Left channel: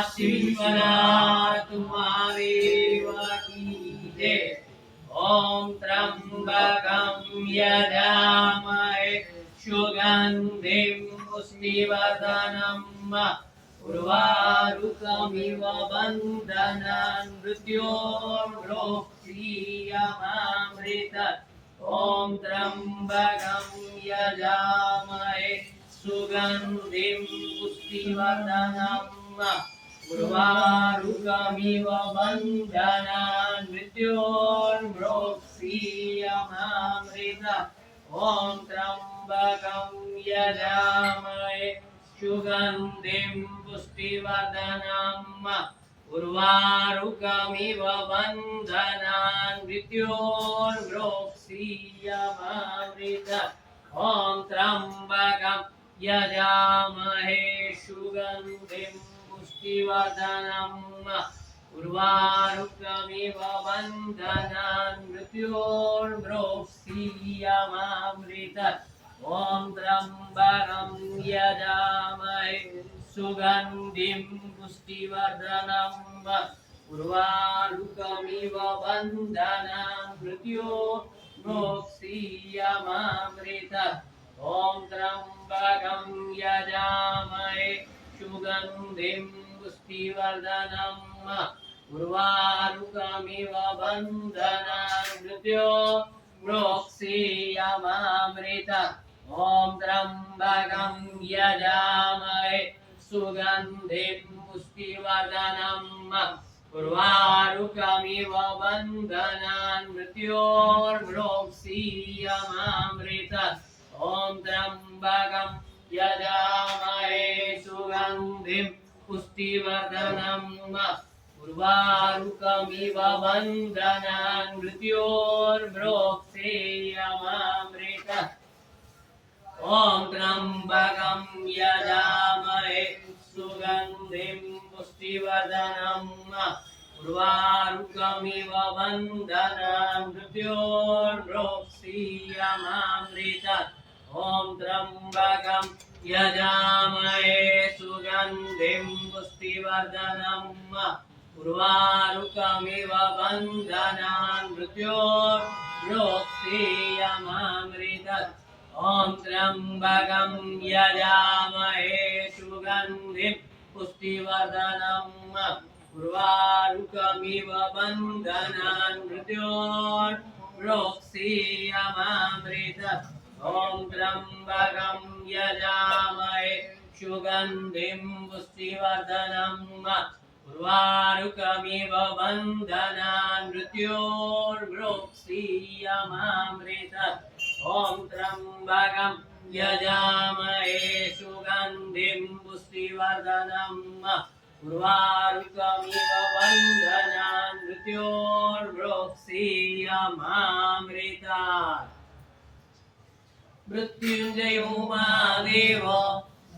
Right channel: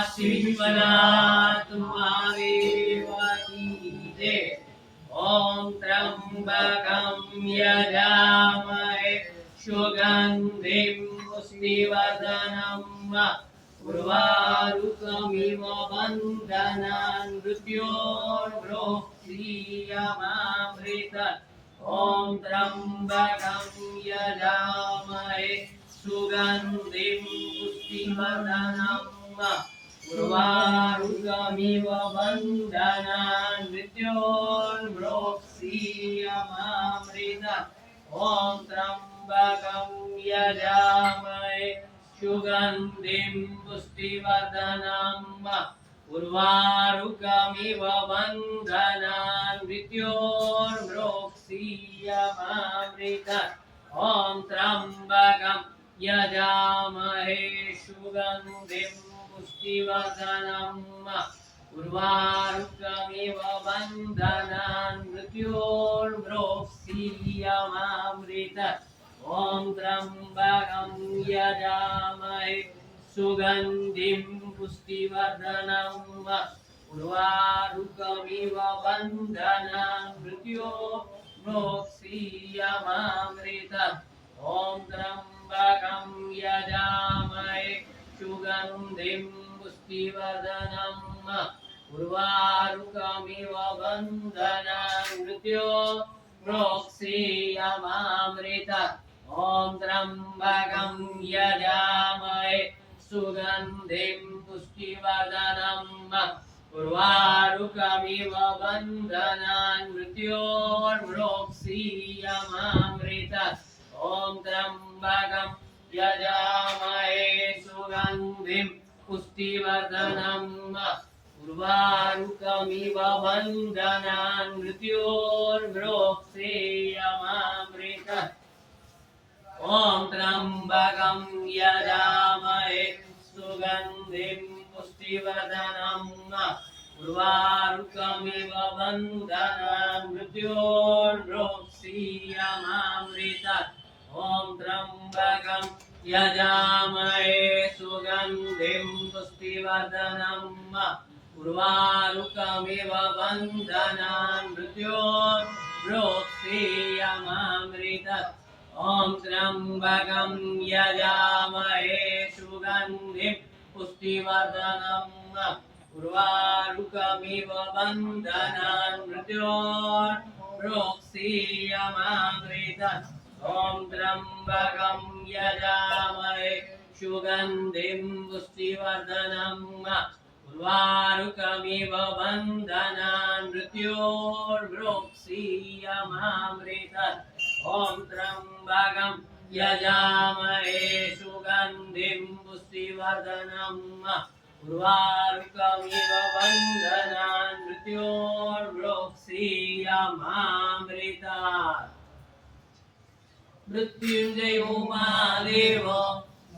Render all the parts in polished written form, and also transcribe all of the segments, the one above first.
शिवनाथ महादेव की जय। ओम त्र्यंबकं यजामहे सुगंधिं पुष्टिवर्धनम् उर्वारुकमिव बन्धनान् मृत्योर्मुक्षीयमामृतात्। ओम त्र्यंबकं यजामहे सुगंधिं पुष्टिवर्धनम् उर्वारुकमिव बन्धनान् मृत्योर्मुक्षीयमामृतात्। ओम त्र्यंबकं यजामहे सुगंधिं पुष्टिवर्धनम् उर्वारुकमिव बन्धनान् मृत्योर्मुक्षीयमामृतात्। ओम त्र्यंबकं यजामहे सुगंधिं पुष्टिवर्धनम् उर्वारुकमिव बन्धनान् मृत्योर्मुक्षीयमामृतात्। ओम त्र्यंबकं यजामहे सुगंधिं पुष्टिवर्धनम् उर्वारुकमिव बन्धनान् मृत्योर्मुक्षीयमामृतात्। ओम त्र्यंबकं यजामहे सुगंधिं पुष्टिवर्धनम् उर्वारुकमिव बन्धनान् मृत्योर्मुक्षीयमामृतात्। ओम त्र्यंबकं यजामहे सुगंधिं पुष्टिवर्धनम् उर्वारुकमिव बन्धनान् मृत्योर्मुक्षीयमामृतात्। ओम त्र्यंबकं यजामहे सुगंधिं पुष्टिवर्धनम् उर्वारुकमिव बन्धनान् मृत्योर्मुक्षीयमामृतात्। ओम त्र्यंबकं यजामहे सुगंधिं पुष्टिवर्धनम् उर्वारुकमिव बन्धनान् मृत्योर्मुक्षीयमामृतात्। ओम त्र्यंबकं यजामहे सुगंधिं पुष्टिवर्धनम् उर्वारुकमिव बन्धनान् मृत्योर्मुक्षीयमामृतात्। ओम त्र्यंबकं यजामहे सुगंधिं पुष्टिवर्धनम् उर्वारुकमिव बन्धनान् मृत्योर्मुक्षीयमामृतात्। ओम त्र्यंबकं यजामहे सुगंधिं पुष्टिवर्धनम् उर्वारुकमिव बन्धनान् मृत्योर्मुक्षीयमामृतात्। ओम त्र्यंबकं यजामहे सुगंधिं पुष्टिवर्धनम् उर्वारुकमिव बन्धनान् मृत्योर्मुक्षीयमामृतात्। मृत्युंजयो महादेव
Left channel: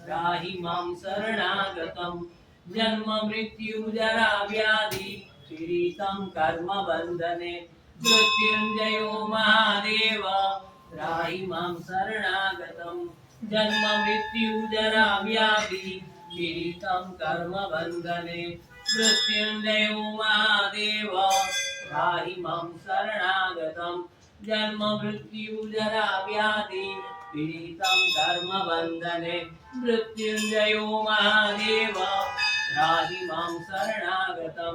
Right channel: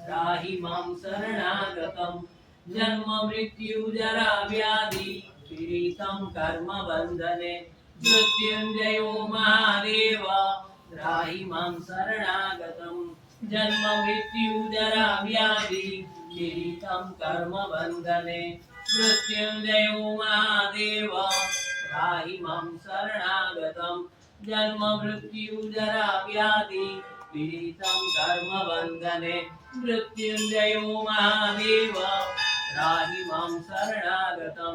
त्राहि मां शरणागतं जन्म मृत्यु जरा व्याधि पीडितं कर्म बंधने। मृत्युंजयो महादेव त्राहि मां शरणागतं जन्म मृत्यु जरा व्याधि पीडितं कर्म बंधने। मृत्युंजयो महादेव त्राहि मां शरणागतं जन्म मृत्यु जरा व्याधि पीडितं कर्म बंधने। मृत्युंजयो महादेव त्राहि मां शरणागतं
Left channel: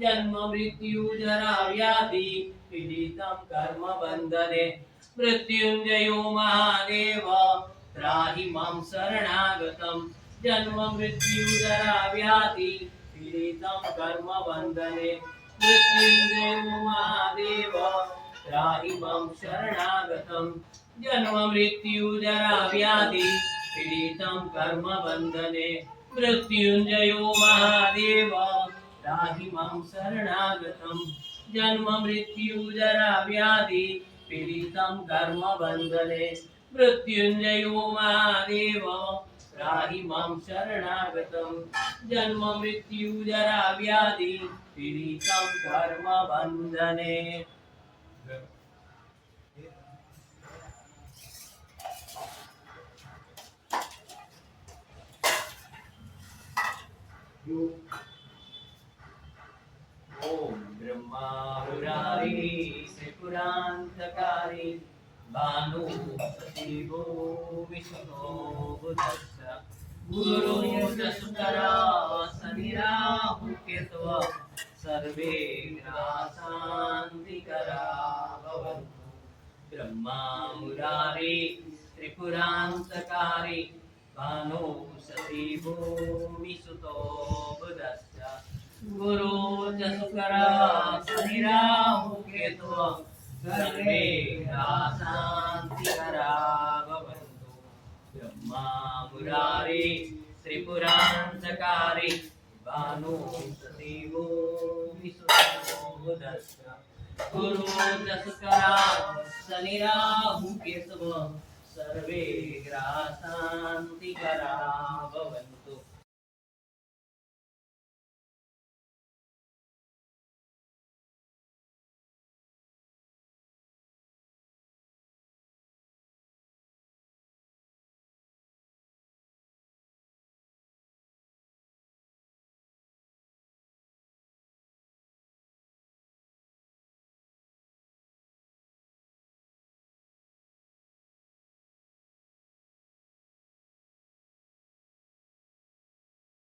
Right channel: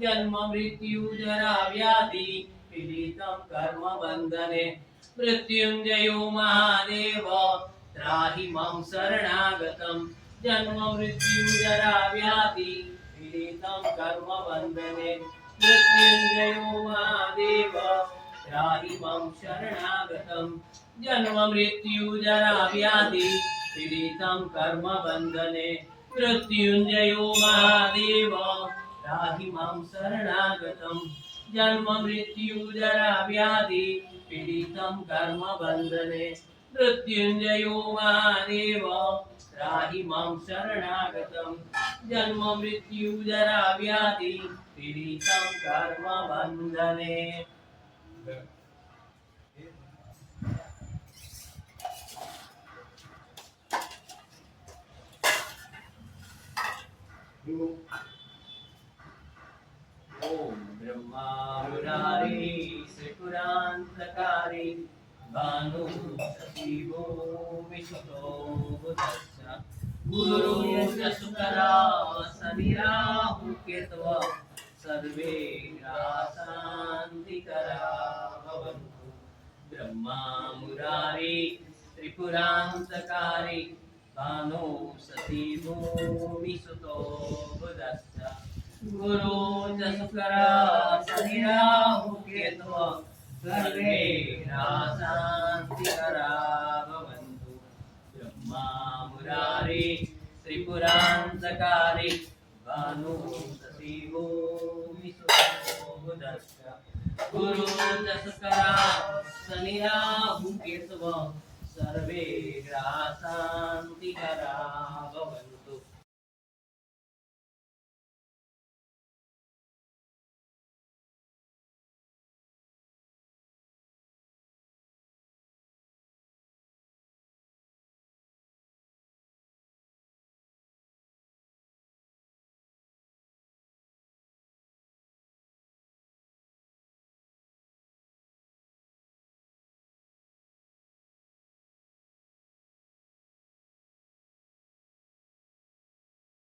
जन्म मृत्यु जरा व्याधि पीडितं कर्म बंधने। मृत्युंजयो महादेव त्राहि मां शरणागतं जन्म मृत्यु जरा व्याधि पीडितं कर्म बंधने। मृत्युंजयो महादेव त्राहि मां शरणागतं जन्म मृत्यु जरा व्याधि पीडितं कर्म बंधने। मृत्युंजयो महादेव त्राहि मां शरणागतं जन्म मृत्यु जरा व्याधि पीडितं कर्म बंधने। मृत्युंजयो महादेव त्राहि मां शरणागतं जन्म मृत्यु जरा व्याधि पीडितं कर्म बंधने। ओम ब्रह्मा मुरारी त्रिपुरांतकारी भानु सचिवो विष्णु बुधश्च गुरु शुकरा शनिराहु केतव सर्वे शान्तिकरा भवन्तु ब्रह्मा मुरारी त्रिपुरांतकारी भानु सचिवो विष्णु बुधश्च गुरु च शुकरा शनिराहु केतव सर्वे शान्तिकरा भवन्तु ब्रह्मा मुरारी त्रिपुरांतकारी भानु सचिवो विष्णु बुधश्च गुरु च शुकरा शनिराहु केतव सर्वे शान्तिकरा भवन्तु